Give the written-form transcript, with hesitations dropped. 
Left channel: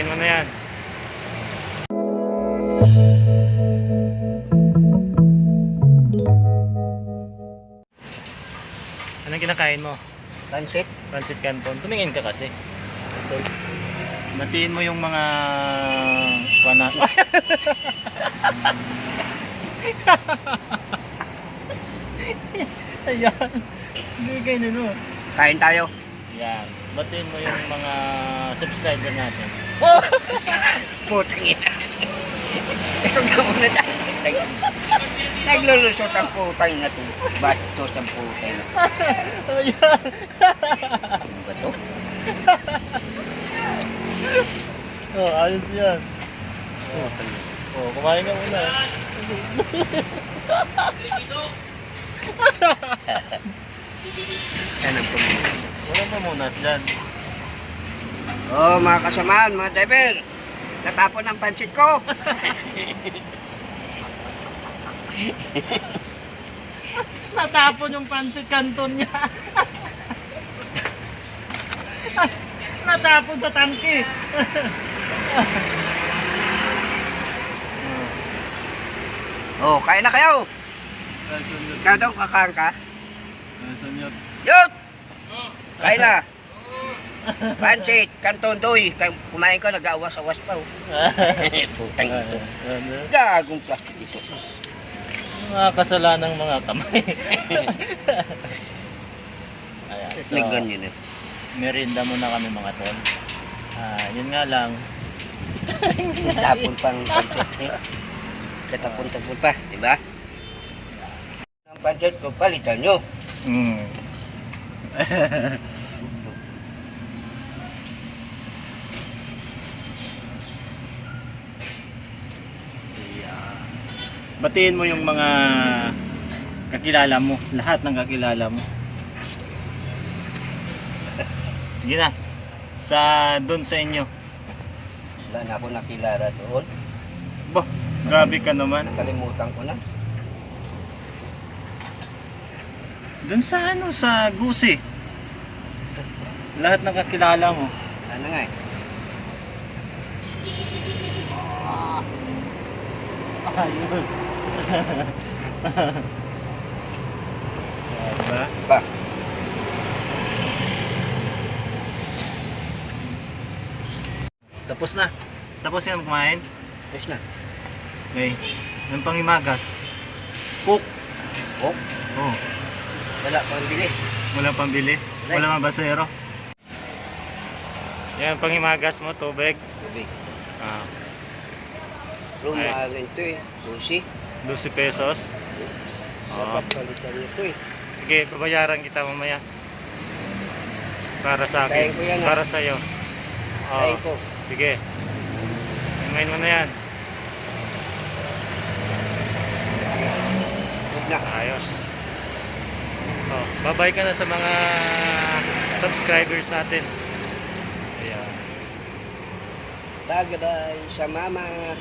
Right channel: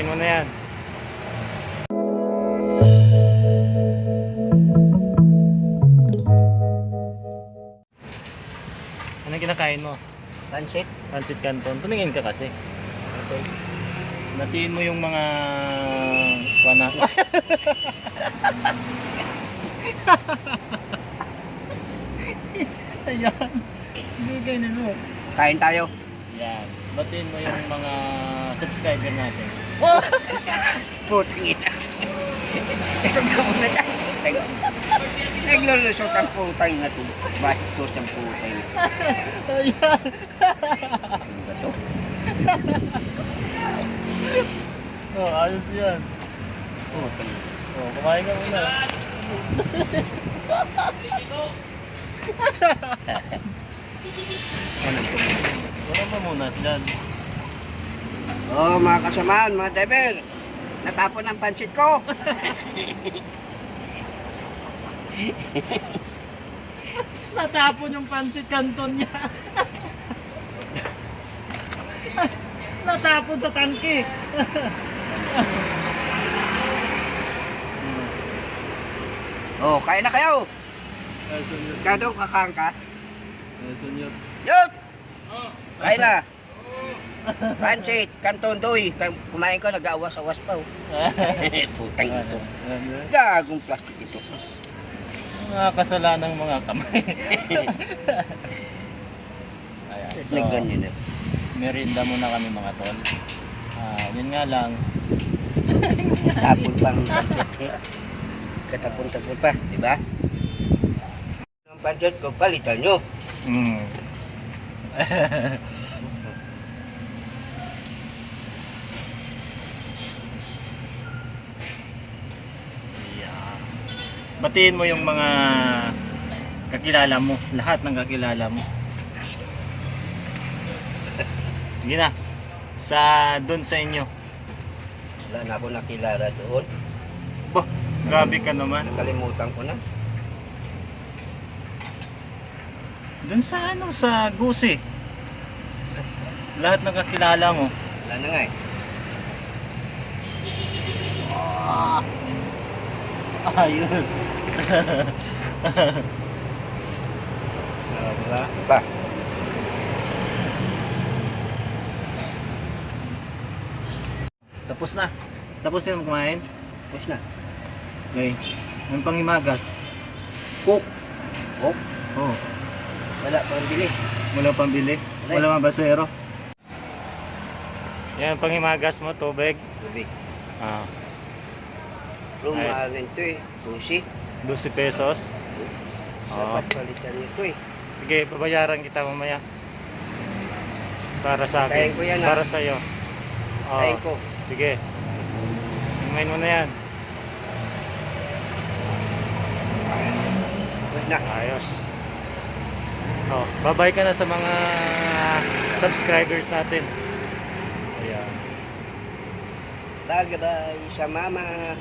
Hingayin mo na yan. Anong kinakain mo? Pansit. Pancit Canton. Tumingin ka kasi. Canton. Natiin mo yung mga kuwana. Ayan. Hindi kayo nino. Kain tayo. Yan. Batiin mo yung mga subscriber natin. Puti. Ito na muna tayo. Naglulusot ang putay na to. Bastos ang putay na. Ayan. Ano ba to? Oh, ayos yan. Oh, kumain ka muna. Yan ang pumuti. Walang pamunas dyan. Oh, mga kasamaan, mga driver. Natapon ang pansit ko. Natapon yung Pancit Canton niya. Natapon sa tangke. Oh, kain na kayo. Ikaw daw kakain ka. Yut! Kain na. Pansit, Canton Doy. Kumain ka, nag-awas-awas pa. Oh. Putang ito. Gagong plastic ito. Mga kasalanang mga kamay. Ayan, so, May ganyan eh. merienda muna kami mga tol. Yun nga lang. Tapon pa ng pansit eh. Katapon-tapon pa, di ba? Ang pansit ko, palitan nyo. Mm. Yeah. Batiin mo yung mga kakilala mo, lahat ng kakilala mo. Sige na. Doon sa inyo. Wala na ako nakilala doon. Bah, grabe ka naman. Nakalimutan ko na. Doon sa Gusi. Lahat ng kakilala mo. Wala na nga eh. Ayos. Diba? Ba? Tapos na. Tapos na kumain. Tapos na. Okay. Yung panghimagas. Cook. Oh, Oh. wala pang bili. Walang pambili. Walang mabasero. Yan, panghimagas mo, tubig. Tubig. Ah, Pero Ayos. mahal ito eh. 12. 12 pesos. Dapat palitan nito eh. Sige, babayaran kita mamaya. Para sa Kain akin. ko yan, Para sa iyo. Kain ko. Sige. Hingayin mo na yan. Tapos na. Ayos. Oh, bye-bye ka na sa mga subscribers natin. Ayan. Bye-bye sa mama.